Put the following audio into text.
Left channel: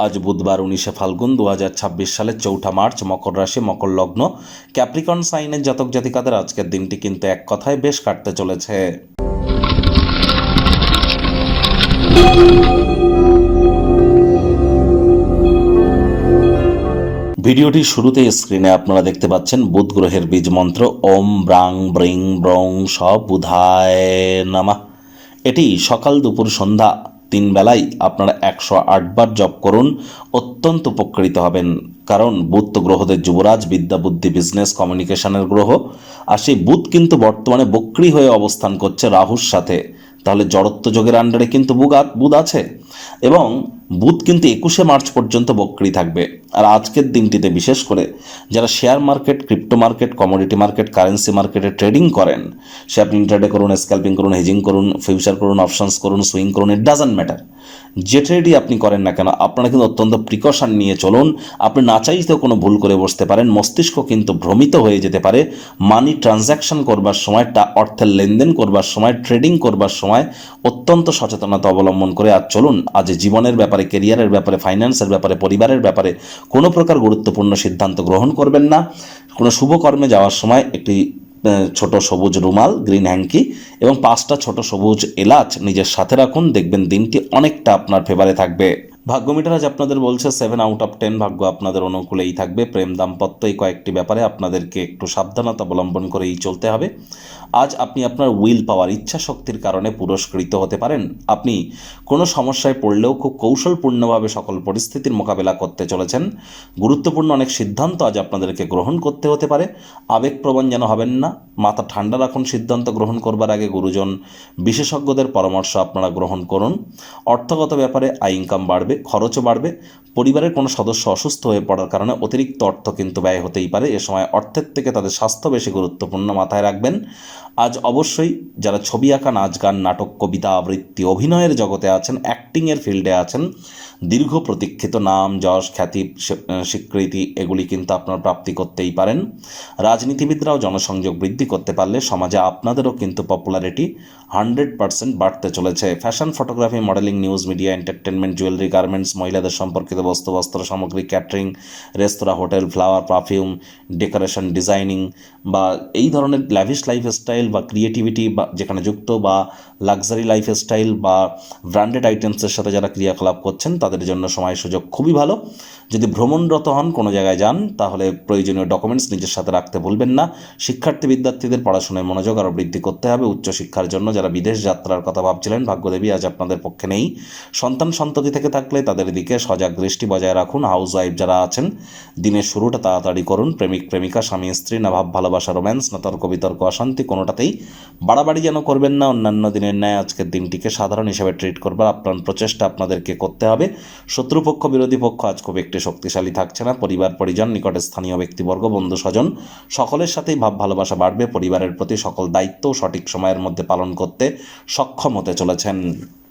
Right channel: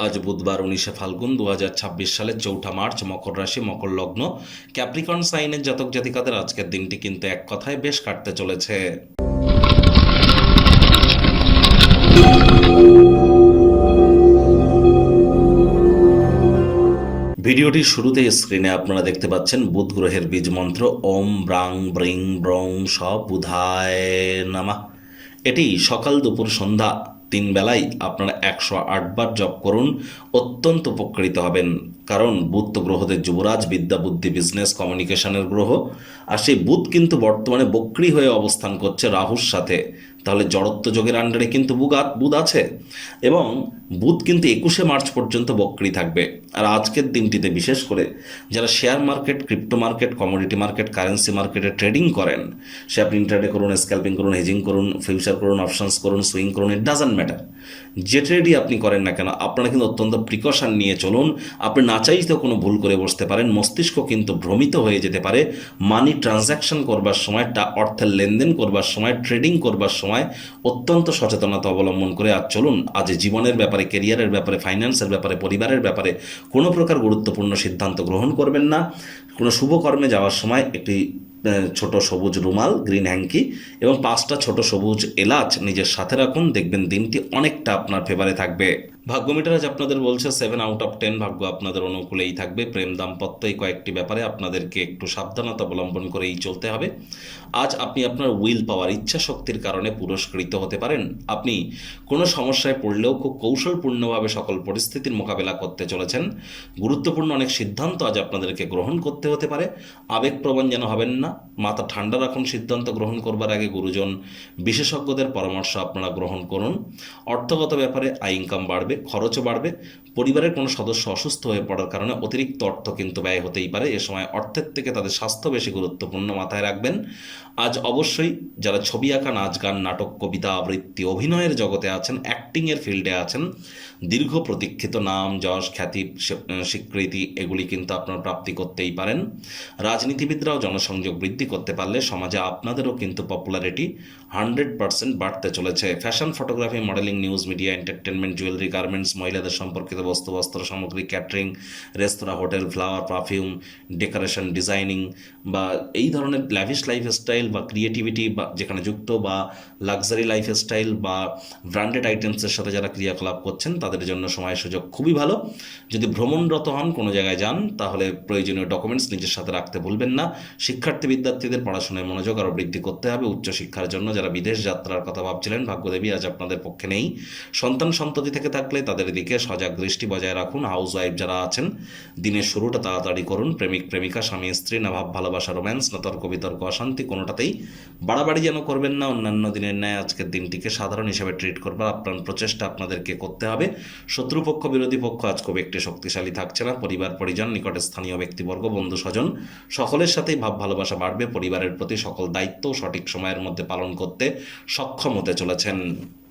আজ বুধবার 19শে ফাল্গুন 2026 সালের 4ঠা মার্চ, মকর রাশি, মকর লগ্ন, ক্যাপ্রিকন সাইনের জাতক জাতিকাদের আজকের দিনটি কিন্তু এক কথায় বেশ কাটতে চলেছে। ভিডিওটির শুরুতেই স্ক্রিনে আপনারা দেখতে পাচ্ছেন বুধ গ্রহের বীজ মন্ত্র ওম ব্রাং ব্রিং ব্রং স বুধায় নামা। এটি সকাল দুপুর সন্ধ্যা 3 বেলায় আপনারা 108 বার জপ করুন, অত্যন্ত উপকৃত হবেন। কারণ বুধ তো গ্রহদের যুবরাজ, বিদ্যা বুদ্ধি বিজনেস কমিউনিকেশনের গ্রহ। আর সেই বুধ কিন্তু বর্তমানে বক্রী হয়ে অবস্থান করছে রাহুর সাথে। তাহলে জড়ত্ব যোগের আন্ডারে কিন্তু বুধ আছে এবং বুধ কিন্তু 21শে মার্চ পর্যন্ত বক্রী থাকবে। আর আজকের দিনটিতে বিশেষ করে যারা share market, crypto market, commodity market, currency মার্কেটে ট্রেডিং করেন, সে আপনি ইন্টারডে করুন, স্ক্যাল্পিং করুন, হেজিং করুন, ফিউচার করুন, অপশনস করুন, সুইং করুন, ইট ডাজন্ট ম্যাটার। যে ট্রেডই আপনি করেন না কেন, আপনারা কিন্তু অত্যন্ত প্রিকশন নিয়ে চলুন। আপনি না চাইতেও কোনো ভুল করে বসতে পারেন, মস্তিষ্ক কিন্তু ভ্রমিত হয়ে যেতে পারে। মানি ট্রানজ্যাকশন করবার সময়, অর্থের লেনদেন করবার সময়, ট্রেডিং করবার সময় অত্যন্ত সচেতনতা অবলম্বন করে আজ চলুন। আজ জীবনের ব্যাপারে, কেরিয়ারের ব্যাপারে, ফাইন্যান্সের ব্যাপারে, পরিবারের ব্যাপারে কোনো প্রকার গুরুত্বপূর্ণ সিদ্ধান্ত গ্রহণ করবেন না। কোনো শুভ কর্মে যাওয়ার সময় একটি ছোট সবুজ রুমাল, গ্রিন হ্যাঙ্কি এবং 5টা ছোট সবুজ এলাচ নিজের সাথে রাখুন, দেখবেন দিনটি অনেকটা আপনার ফেভারে থাকবে। ভাগ্য মিটার আজ আপনাদের বলছে 7 আউট অফ 10, ভাগ্য আপনাদের অনুকূলেই থাকবে। প্রেম, দাম্পত্য এই কয়েকটি ব্যাপারে আপনাদেরকে একটু সাবধানতা অবলম্বন করেই চলতে হবে। আজ আপনি আপনার উইল পাওয়ার, ইচ্ছা শক্তির কারণে পুরস্কৃত হতে পারেন। আপনি কোনো সমস্যায় পড়লেও খুব কৌশলপূর্ণভাবে সকল পরিস্থিতির মোকাবেলা করতে চলেছেন। গুরুত্বপূর্ণ অনেক সিদ্ধান্ত আজ আপনাদেরকে গ্রহণ করতে হতে পারে। আবেগপ্রবণ যেন হবেন না, মাথা ঠান্ডা রাখুন। সিদ্ধান্ত গ্রহণ করবার আগে গুরুজন বিশেষজ্ঞদের পরামর্শ আপনারা গ্রহণ করুন। অর্থগত ব্যাপারে আয় ইনকাম বাড়বে, খরচও বাড়বে। পরিবারের কোনো সদস্য অসুস্থ হয়ে পড়ার কারণে অতিরিক্ত অর্থ কিন্তু ব্যয় হতেই পারে। এ সময় অর্থের থেকে তাদের স্বাস্থ্য বেশি গুরুত্বপূর্ণ, মাথায় রাখবেন। আজ অবশ্যই যারা ছবি আঁকা, নাচ গান, নাটক, কবিতা আবৃত্তি, অভিনয়ের জগতে আছেন, অ্যাক্টিংয়ের ফিল্ডে আছেন, দীর্ঘ প্রতীক্ষিত নাম, যশ, খ্যাতি, স্বীকৃতি এগুলি কিন্তু আপনারা প্রাপ্তি করতেই পারেন। রাজনীতিবিদরাও জনসংযোগ বৃদ্ধি করতে পারলে সমাজে আপনাদেরও কিন্তু পপুলারিটি 100% বাড়তে চলেছে। Fashion, photography, modelling, news media, entertainment, jewellery, garments, মহিলাদের সম্পর্কিত বস্তু, বস্ত্র সামগ্রী, catering, restaurant, hotel, flower, perfume, decoration, designing বা এই ধরনের ল্যাভিশ লাইফস্টাইল বা ক্রিয়েটিভিটি বা যেখানে যুক্ত, বা লাক্সারি লাইফস্টাইল বা ব্র্যান্ডেড আইটেমসের সাথে যারা ক্রিয়াকলাপ করছেন তাদের জন্য সময় সুযোগ খুবই ভালো। যদি ভ্রমণরত হন, কোনো জায়গায় যান, তাহলে প্রয়োজনীয় ডকুমেন্টস নিজের সাথে রাখতে ভুলবেন না। শিক্ষার্থী বিদ্যার্থীদের পড়াশোনায় মনোযোগ আরও বৃদ্ধি করতে হবে। উচ্চশিক্ষার জন্য যারা বিদেশ যাত্রার কথা ভাবছিলেন, ভাগ্যদেবী আজ আপনাদের পক্ষে নেই। সন্তান সন্ততি থেকে থাকলে তাদের দিকে সজাগ দৃষ্টি বজায় রাখুন। হাউস ওয়াইফ যারা আছেন, দিনের শুরুটা তাড়াতাড়ি করুন। প্রেমিক প্রেমিকা, স্বামী স্ত্রী, না ভাব ভালোবাসা, রোম্যান্স, না তর্ক বিতর্ক, অশান্তি, কোনোটাতেই বাড়াবাড়ি যেন করবেন না। অন্যান্য দিনের ন্যায় আজকের দিনটিকে সাধারণ হিসেবে ট্রিট করবার আপ্রাণ প্রচেষ্টা আপনাদেরকে করতে হবে। শত্রুপক্ষ, বিরোধী পক্ষ আজ খুব একটি শক্তিশালী থাকছে না। পরিবার পরিজন, নিকটে স্থানীয় ব্যক্তিবর্গ, বন্ধু স্বজন সকলের সাথেই ভাব ভালোবাসা বাড়বে। পরিবারের প্রতি সকল দায়িত্ব সঠিক সময়ের মধ্যে পালন করতে সক্ষম হতে চলেছেন।